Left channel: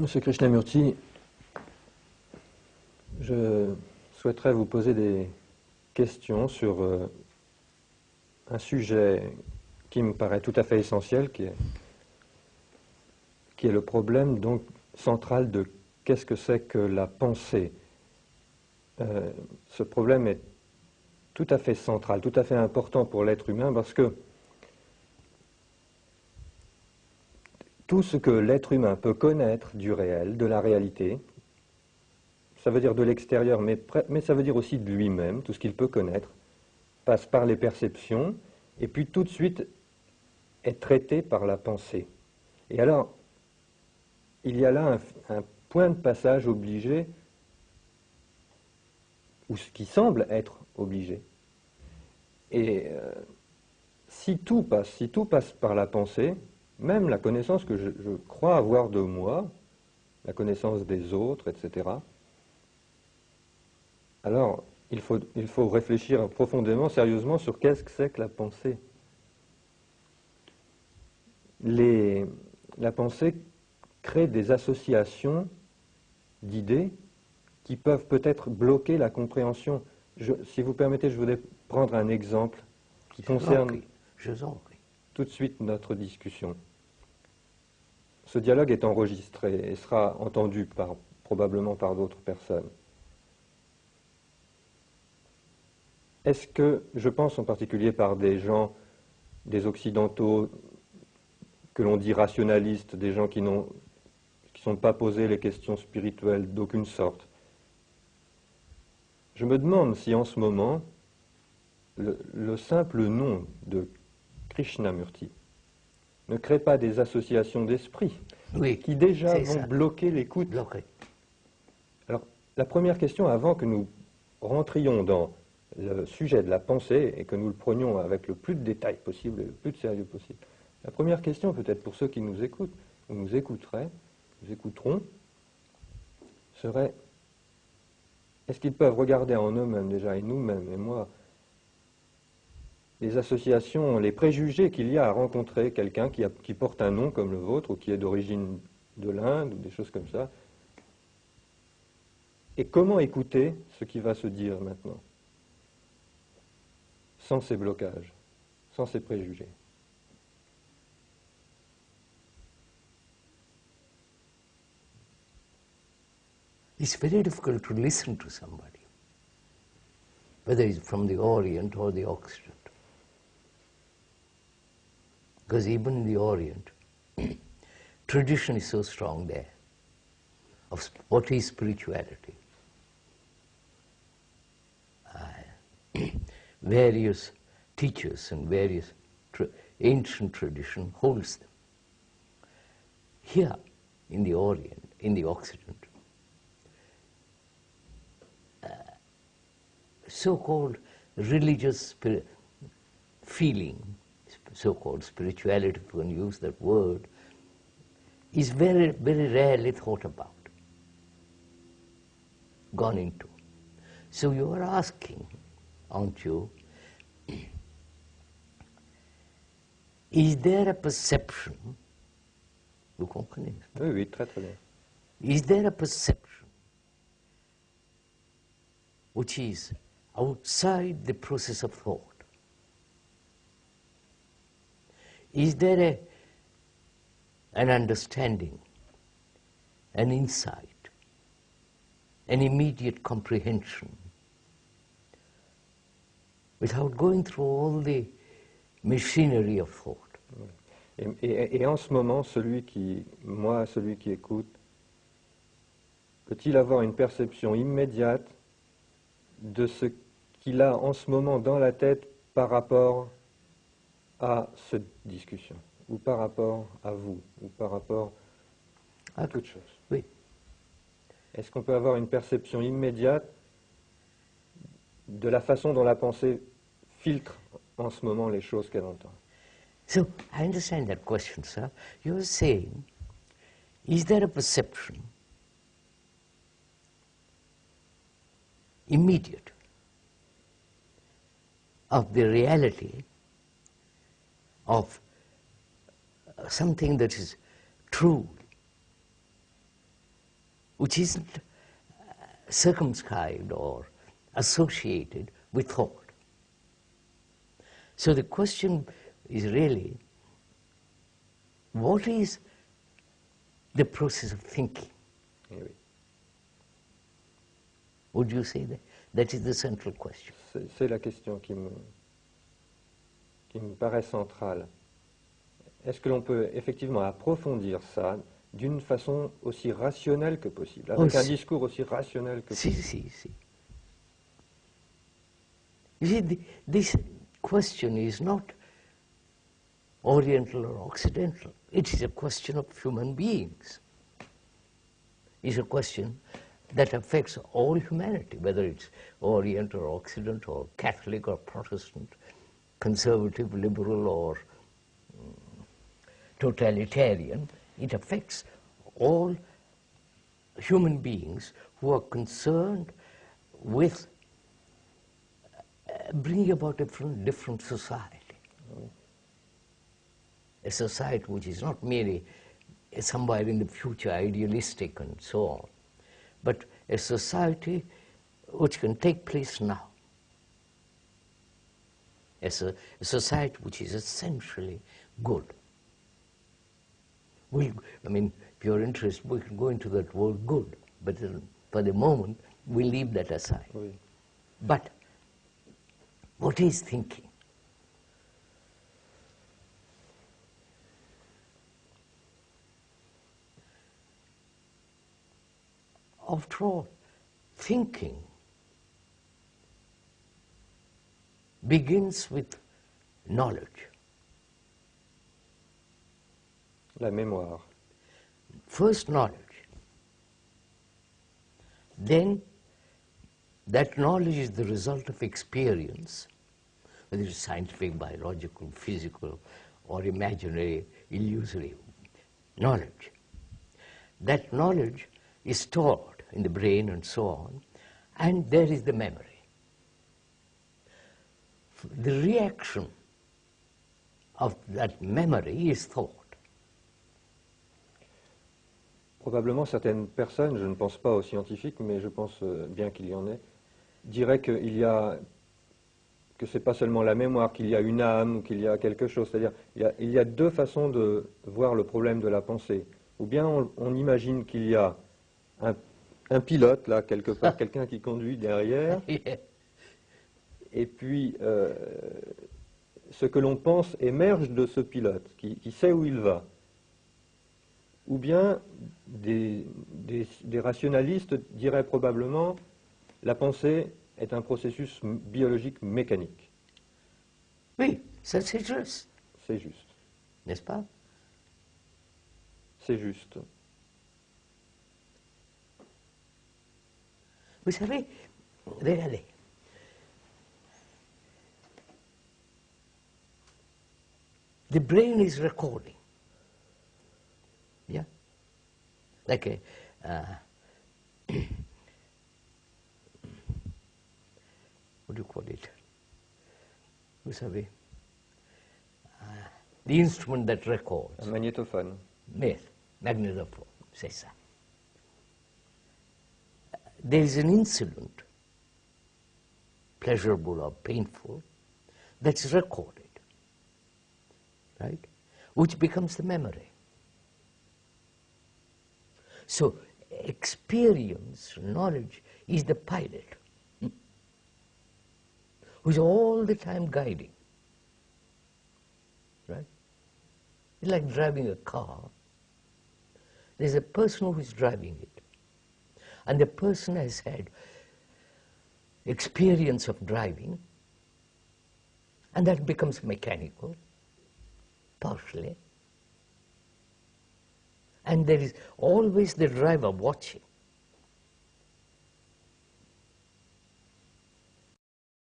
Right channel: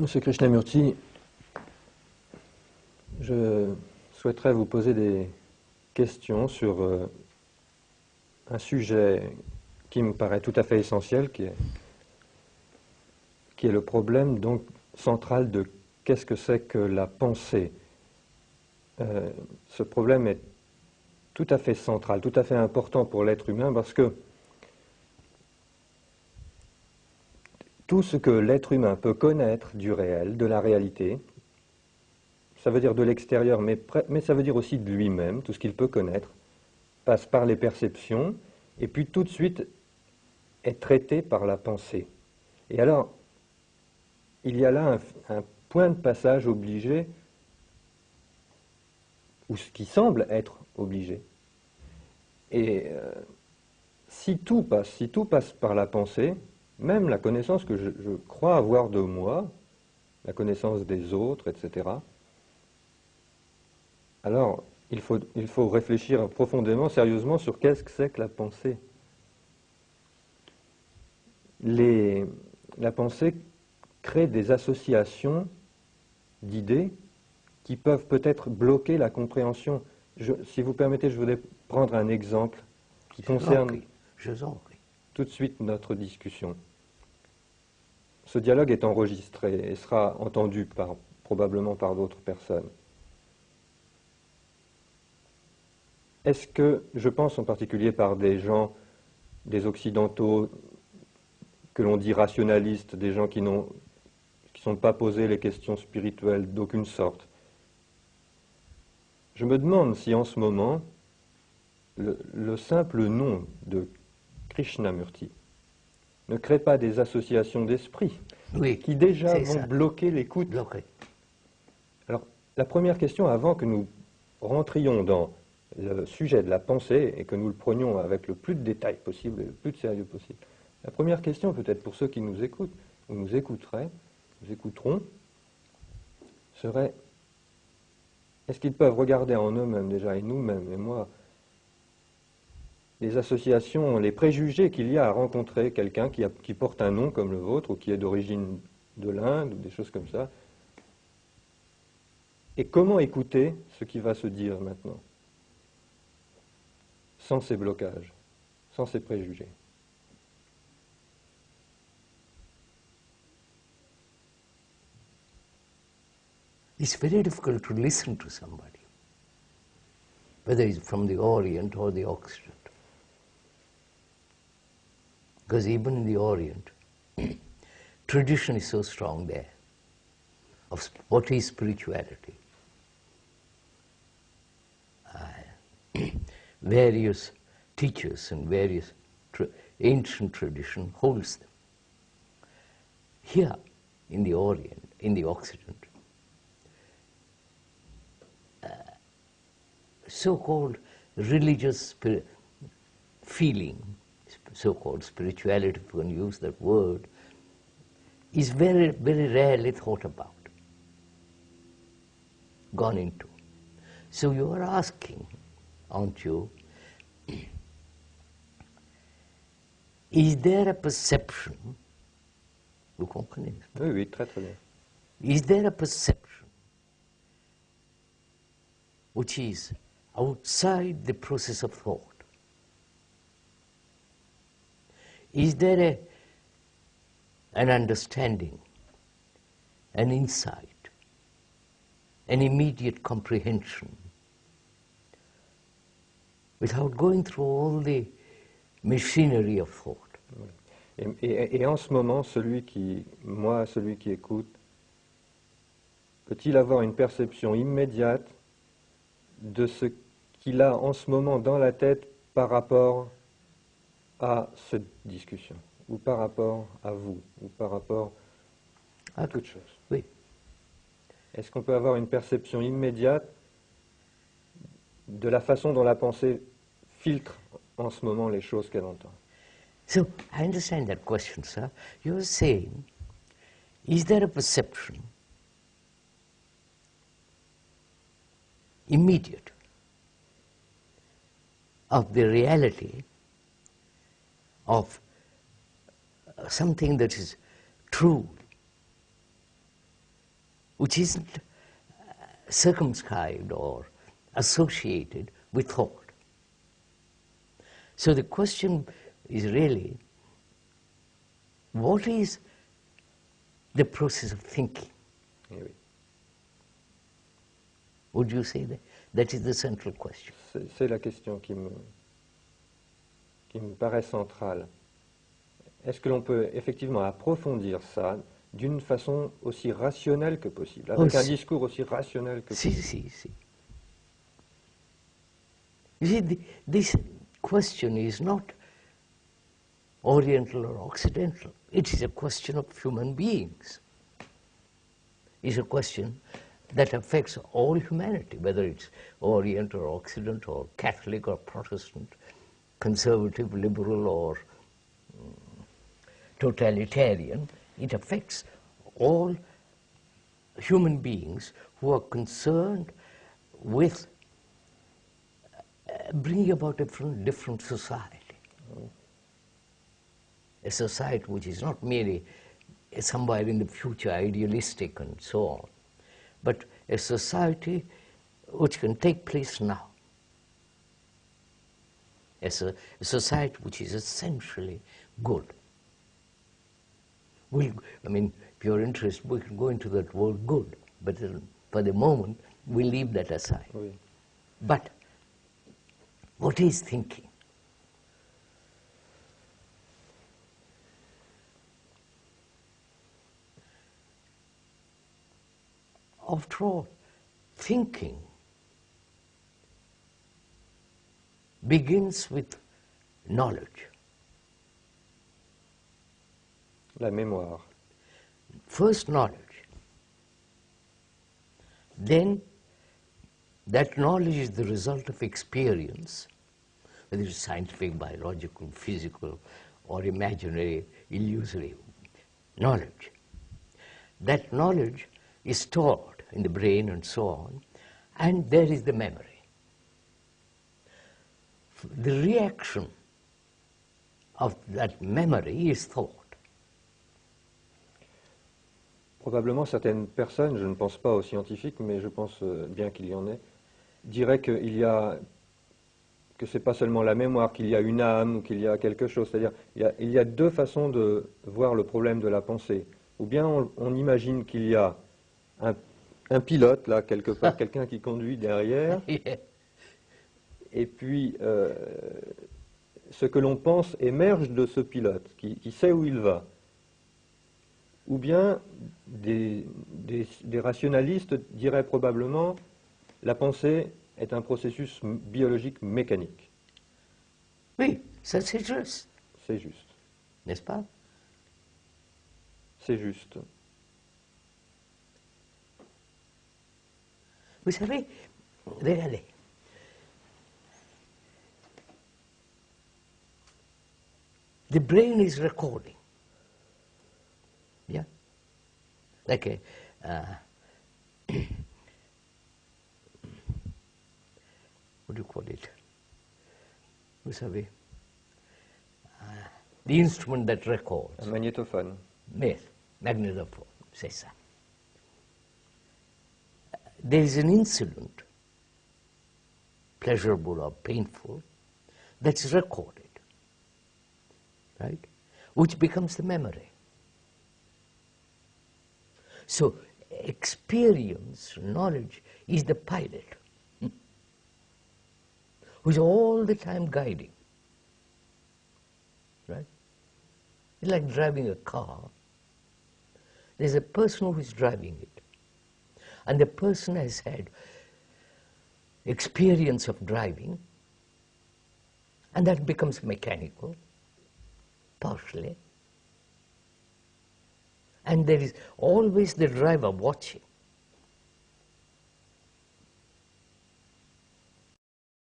Monsieur Krishnamurti, je souhaiterais vous poser des questions sur un sujet qui me paraît tout à fait essentiel, qui est le problème donc central de qu'est-ce que c'est que la pensée. Ce problème est tout à fait central, tout à fait important pour l'être humain parce que tout ce que l'être humain peut connaître du réel, de la réalité, ça veut dire de l'extérieur, mais ça veut dire aussi de lui-même, tout ce qu'il peut connaître, passe par les perceptions, et puis tout de suite est traité par la pensée. Et alors, il y a là un point de passage obligé, ou ce qui semble être obligé. Et si tout passe par la pensée, même la connaissance que je crois avoir de moi, la connaissance des autres, etc., alors il faut réfléchir profondément, sérieusement, sur qu'est-ce que c'est que la pensée. La pensée crée des associations d'idées qui peuvent peut-être bloquer la compréhension. Si vous permettez, je voudrais prendre un exemple qui concerne tout de suite notre discussion. Ce dialogue est enregistré et sera entendu probablement par d'autres personnes. Est-ce que, je pense en particulier par des gens, des occidentaux, que l'on dit rationalistes, des gens qui ne sont pas posés les questions spirituelles d'aucune sorte, je me demande si en ce moment, le simple nom de Krishnamurti ne crée pas des associations d'esprit qui déjà vont bloquer l'écoute. Alors, la première question, avant que nous rentrions dans le sujet de la pensée et que nous le prenions avec le plus de détails possible et le plus de sérieux possible, la première question, peut-être pour ceux qui nous écoutent, ou nous écouteront, serait: est-ce qu'ils peuvent regarder en eux-mêmes déjà, et nous-mêmes, et moi, les associations, les préjugés qu'il y a à rencontrer quelqu'un qui porte un nom comme le vôtre, ou qui est d'origine de l'Inde, ou des choses comme ça, et comment écouter ce qui va se dire maintenant, sans ces blocages, sans ces préjugés. It's very difficult to listen to somebody, whether it's from the Orient or the Occident. Because even in the Orient, tradition is so strong there of what is spirituality. Various teachers and various ancient tradition holds them. Here, in the Orient, in the Occident, so-called religious feeling, so-called spirituality, if you can use that word, is very, very rarely thought about, gone into. So you are asking, aren't you, is there a perception, vous comprenez? Oui, oui, très très bien. Is there a perception which is outside the process of thought? Is there an understanding, an insight, an immediate comprehension, without going through all the machinery of thought? Et en ce moment, celui qui écoute, peut-il avoir une perception immédiate de ce qu'il a en ce moment dans la tête par rapport à cette discussion, ou par rapport à vous, ou par rapport à toute chose? Oui. Est-ce qu'on peut avoir une perception immédiate de la façon dont la pensée filtre en ce moment les choses qu'elle entend? So, I understand that question, sir. You are saying, is there a perception, immediate, of the reality of something that is true, which isn't circumscribed or associated with thought. So the question is really, what is the process of thinking? Would you say that? That is the central question. C'est la question qui me paraît centrale. Est-ce que l'on peut effectivement approfondir ça d'une façon aussi rationnelle que possible, avec un discours aussi rationnel que possible? Si. You see, this question is not Oriental or Occidental. It is a question of human beings. It's a question that affects all humanity, whether it's Orient or Occident or Catholic or Protestant, conservative, liberal or totalitarian. It affects all human beings who are concerned with bringing about a different society. A society which is not merely somewhere in the future idealistic and so on, but a society which can take place now. As a society which is essentially good. If you're interested, we can go into that word good, but for the moment, we leave that aside. Oui. But what is thinking? After all, thinking begins with knowledge. La mémoire. First knowledge. Then that knowledge is the result of experience, whether it's scientific, biological, physical, or imaginary, illusory knowledge. That knowledge is stored in the brain and so on, and there is the memory. The reaction of that memory is thought. Probablement certaines personnes, je ne pense pas aux scientifiques, mais je pense bien qu'il y en ait, diraient que ce n'est pas seulement la mémoire, qu'il y a une âme ou qu'il y a quelque chose. C'est-à-dire il y a deux façons de voir le problème de la pensée. Ou bien on imagine qu'il y a un pilote, là, quelque part, quelqu'un qui conduit derrière, et puis ce que l'on pense émerge de ce pilote, qui sait où il va. Ou bien des rationalistes diraient probablement la pensée est un processus biologique mécanique. Oui, ça c'est juste. C'est juste. N'est-ce pas? C'est juste. Vous savez, regardez, the brain is recording. Yeah? Like what do you call it? Vous savez, the instrument that records. Un magnétophone. Yes, magnetophone, c'est ça. There is an incident, pleasurable or painful, that's recorded, right? Which becomes the memory. So, experience, knowledge, is the pilot, who's all the time guiding, right? It's like driving a car. There's a person who's driving it. And the person has had experience of driving, and that becomes mechanical, partially. And there is always the driver watching.